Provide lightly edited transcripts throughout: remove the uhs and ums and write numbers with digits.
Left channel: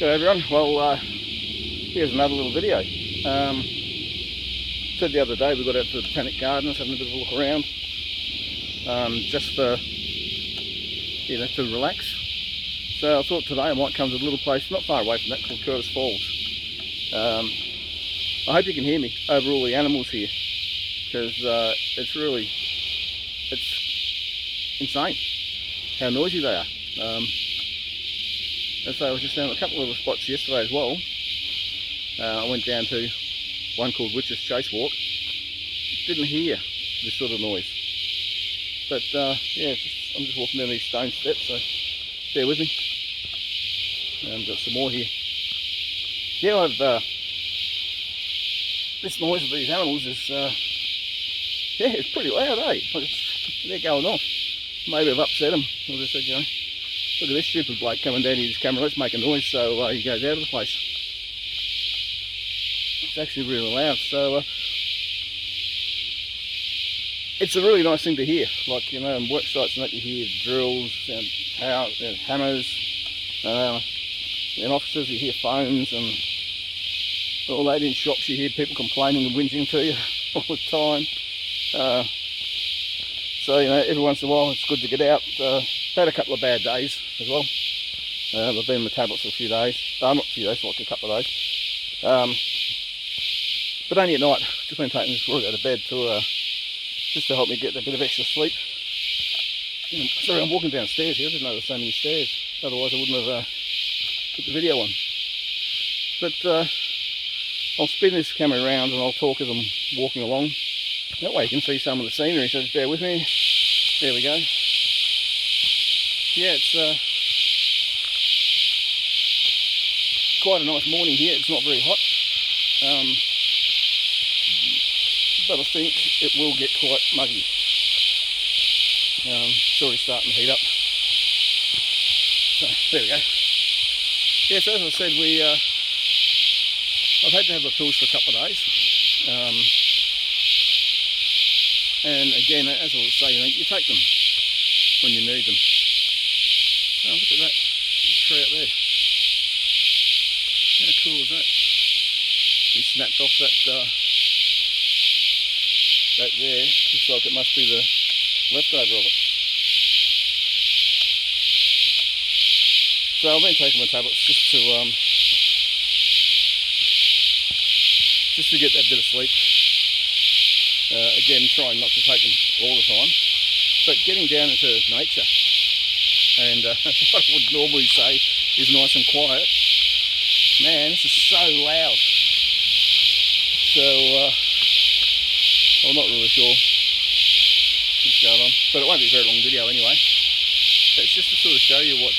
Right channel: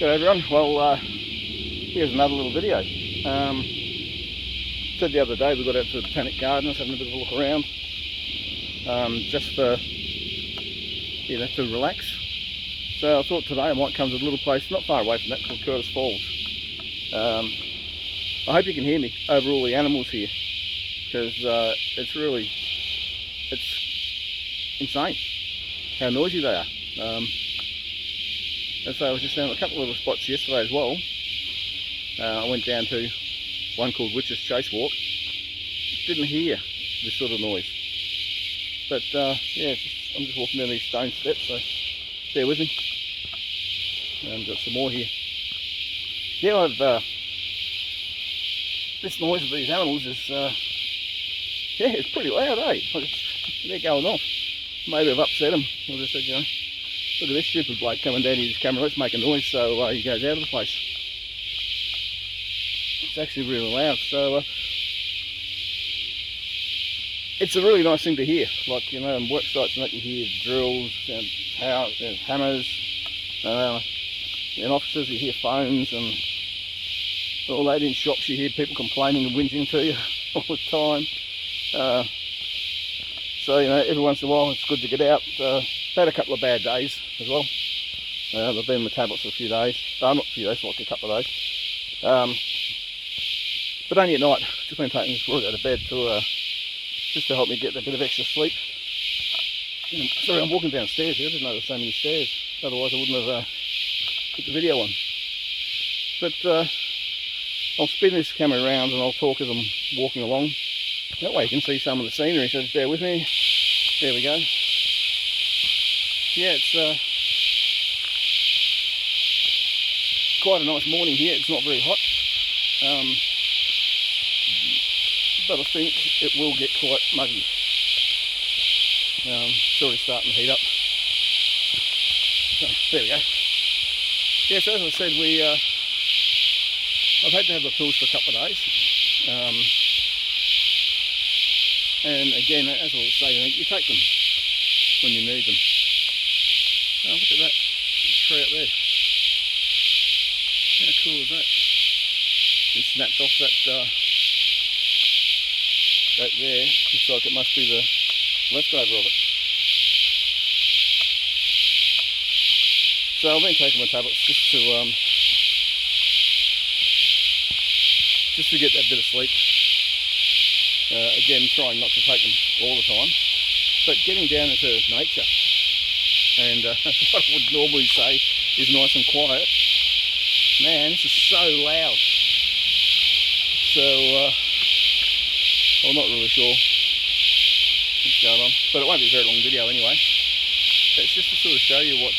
G'day everyone. Well, here's another little video. Said the other day we got out to the Botanic Gardens, having a bit of a look around, just for, to relax. So I thought today I might come to a little place not far away from that called Curtis Falls. I hope you can hear me over all the animals here, because it's insane how noisy they are. And so I was just down a couple of little spots yesterday as well. I went down to one called Witch's Chase Walk. Didn't hear this sort of noise. But yeah, I'm just walking down these stone steps, so bear with me. And got some more here. Yeah, this noise of these animals is, yeah, it's pretty loud, eh? They're going off. Maybe I've upset them. I just said, look at this stupid bloke coming down his camera, let's make a noise, so he goes out of the place. It's actually really loud, so it's a really nice thing to hear. Like, in work sites and that, you hear drills and hammers, in offices you hear phones, and all that. In shops you hear people complaining and whinging to you all the time. So, every once in a while it's good to get out. Had a couple of bad days as well. I've been on the tablets for a few days. Not a few days, for like a couple of days. But only at night. Just been taking this work out of bed to just to help me get a bit of extra sleep. Sorry, I'm walking downstairs here. I didn't know there were so many stairs. Otherwise I wouldn't have put the video on. But I'll spin this camera around and I'll talk as I'm walking along. That way you can see some of the scenery, so just bear with me. There we go. Yeah, it's quite a nice morning here. It's not very hot, but I think it will get quite muggy. It's already starting to heat up. So there we go. Yeah, so as I said, I've had to have the tools for a couple of days, and again, as I was saying, you take them when you need them. Oh, look at that tree up there. How cool is that? It snapped off that there. Looks like it must be the leftover of it. So I've been taking my tablets just to get that bit of sleep. Again, trying not to take them all the time, but getting down into nature. And what I would normally say is nice and quiet. Man, this is so loud. So I'm not really sure what's going on, but it won't be a very long video anyway. It's just to sort of show you what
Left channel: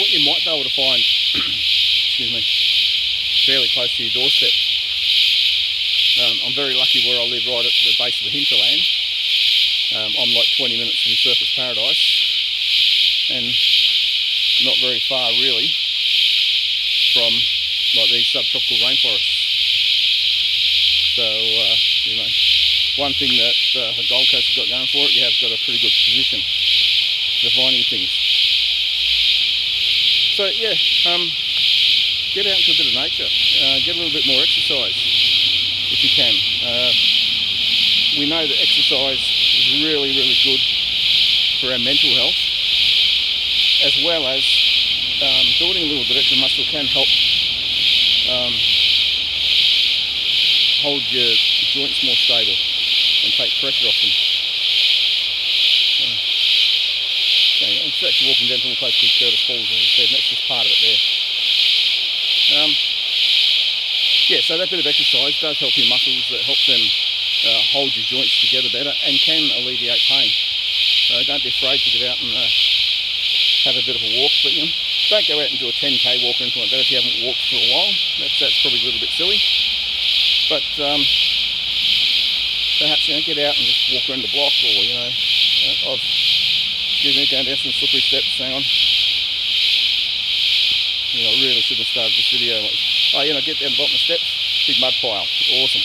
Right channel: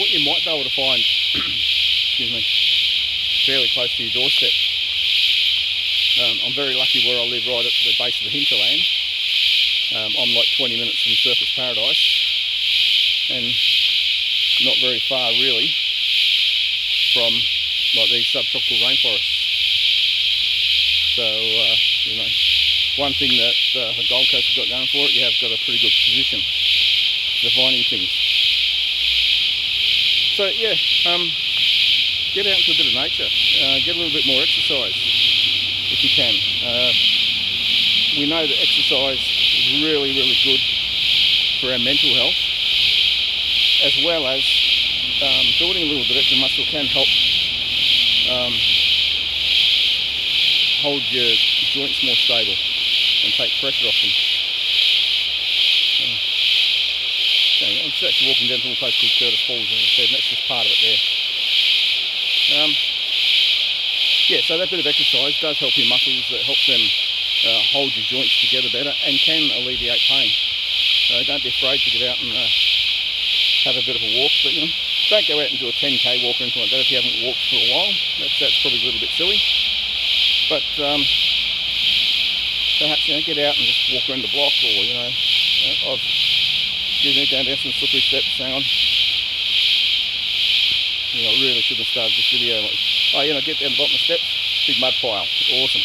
what you might be able to find. Excuse me, fairly close to your doorstep. I'm very lucky where I live, right at the base of the hinterland. I'm like 20 minutes from Surfers Paradise, and not very far really from like these subtropical rainforests. So one thing that the Gold Coast has got going for it, you have got a pretty good position for finding things. So yeah, get out into a bit of nature, get a little bit more exercise if you can. We know that exercise is really, really good for our mental health, as well as building a little bit of extra muscle can help hold your joints more stable and take pressure off them. I'm just actually walking down to a place called Curtis Falls, as I said, and that's just part of it there. Yeah, so that bit of exercise does help your muscles, it helps them hold your joints together better and can alleviate pain. So don't be afraid to get out and have a bit of a walk, but don't go out and do a 10k walk or anything like that if you haven't walked for a while. That's probably a little bit silly. But perhaps get out and just walk around the block, or going down some slippery steps. Hang on. I really shouldn't have started this video like this. Oh, get down the bottom of the steps, big mud pile, awesome.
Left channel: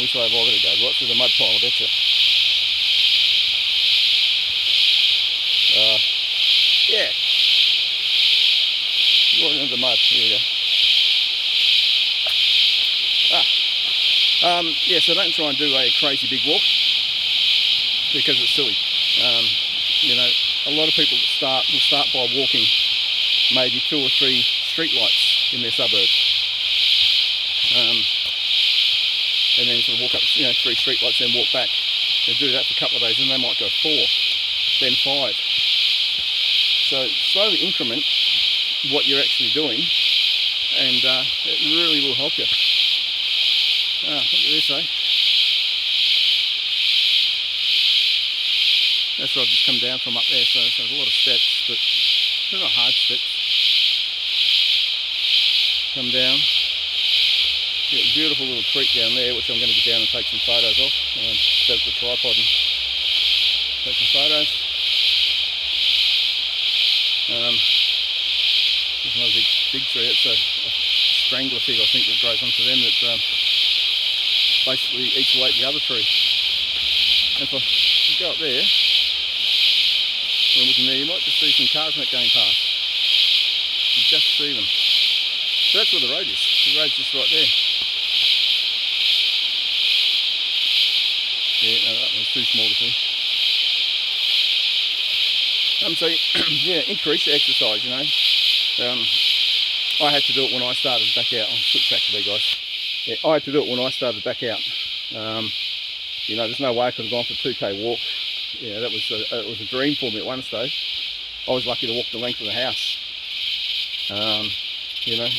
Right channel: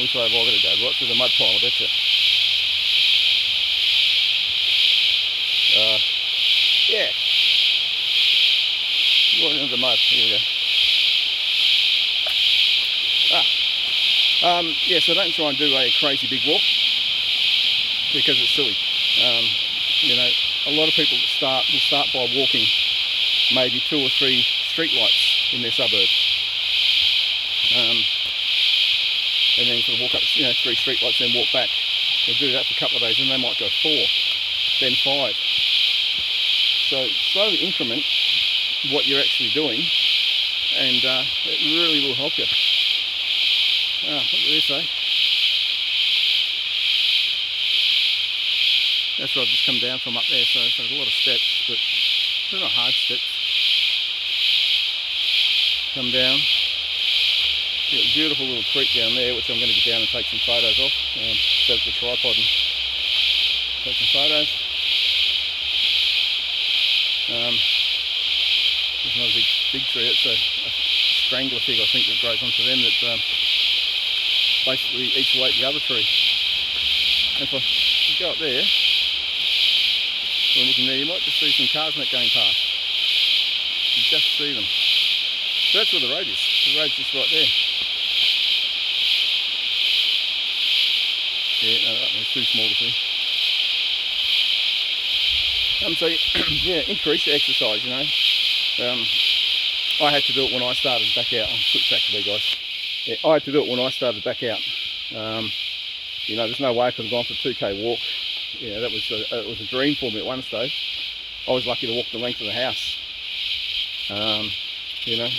Which way have I got to go? Right through the mud pile, I bet you. Yeah, Right into the mud. Here we go. Yeah, so don't try and do a crazy big walk because it's silly. You know, a lot of people that will start by walking maybe 2 or 3 street lights in their suburb. And then sort of walk up, 3 street lights, then walk back. They do that for a couple of days, and they might go 4, then 5. So slowly increment what you're actually doing, and it really will help you. Look at this, eh? That's where I've just come down from up there, so there's a lot of steps, but they're not hard steps. Come down. You've got a beautiful little creek down there, which I'm going to get down and take some photos of. Set up the tripod and take some photos. There's another big tree. It's a strangler fig, I think, that grows onto them that basically eats away at the other tree. And if I go up there, when I'm looking there, you might just see some cars going past. You just see them. So that's where the road is. The road's just right there. Yeah, no, that one's too small to see. So yeah, increase your exercise, you know. I had to do it when I started back out. I'll switch back to there, guys. Yeah, I had to do it when I started back out. You know, there's no way I could have gone for a 2k walk. Yeah, that was it was a dream for me at one stage. I was lucky to walk the length of the house. You know,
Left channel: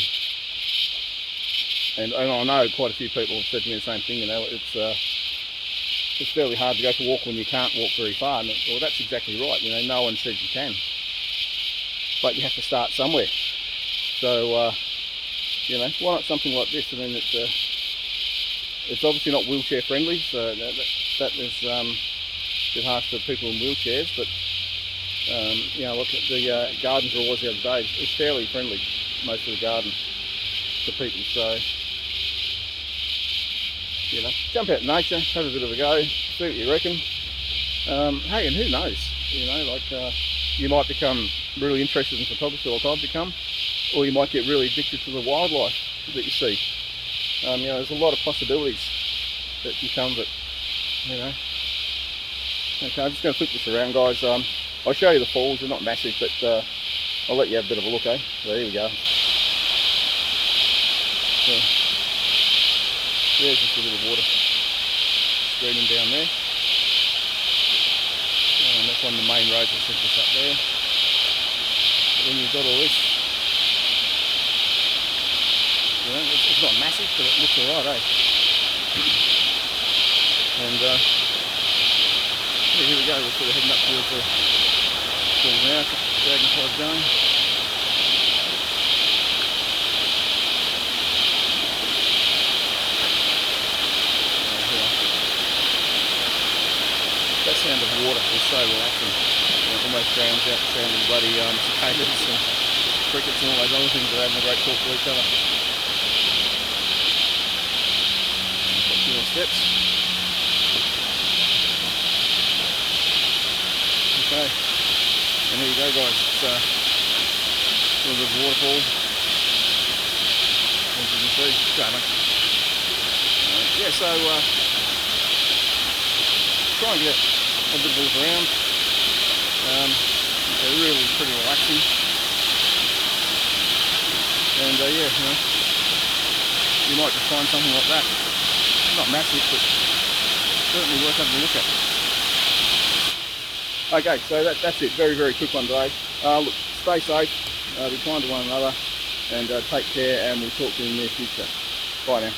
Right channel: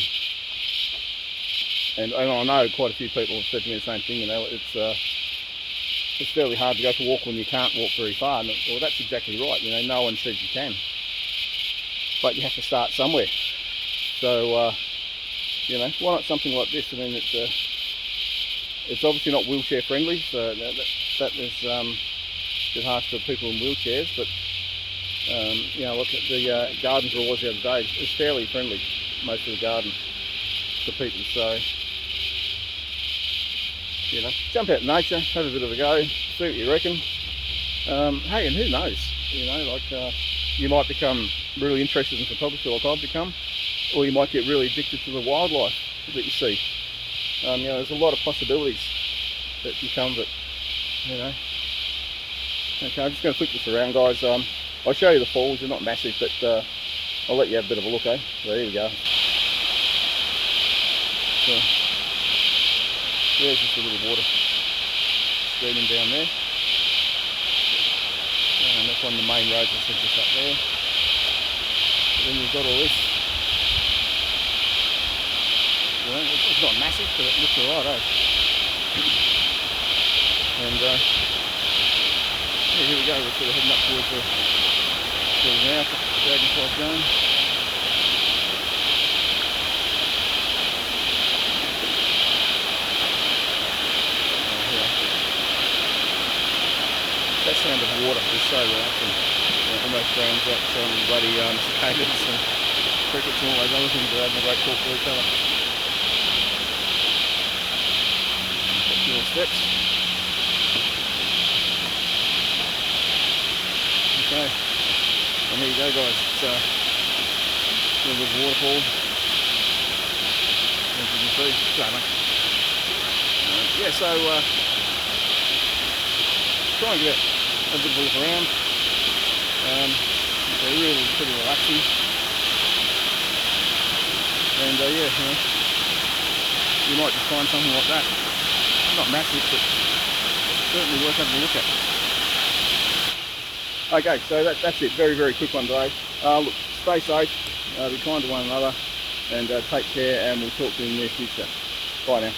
and I know quite a few people have said to me the same thing. You know, it's fairly hard to go for a walk when you can't walk very far. And, well, that's exactly right. You know, no one says you can, but you have to start somewhere. So, you know, why not something like this? I mean, it's obviously not wheelchair friendly, so that is a bit harsh for people in wheelchairs. But you know, look at the gardens where I was the other day. It's fairly friendly, most of the garden, to people. So, you know, jump out in nature, have a bit of a go, see what you reckon. Hey, and who knows? You know, like you might become really interested in photography, like I've become, or you might get really addicted to the wildlife that you see. You know, there's a lot of possibilities that can come, but you know. Okay, I'm just going to flip this around, guys. I'll show you the falls. They're not massive, but I'll let you have a bit of a look, eh? So there we go. So there's just a little water streaming down there. And that's one of the main roads I said just up there. But then you've got all this. You know, it's not massive, but it looks alright, eh? And yeah, here we go. We're sort of heading up towards the falls now. The dragonfly's going. That sound of water is so relaxing. You know, almost drowns out the sound of the bloody cicadas and crickets and all those other things that are having a great talk to each other. A few more steps. Okay, and here you go, guys. It's a little bit of waterfall, as you can see. Stunning. Yeah, so try and get a bit of a look around. They're really pretty relaxing. And yeah, you know, you might just find something like that. Not massive, but certainly worth having a look at. Okay, so that's it. Very, very quick one today. Look, stay safe, be kind to one another, and take care, and we'll talk to you in the near future. Bye now.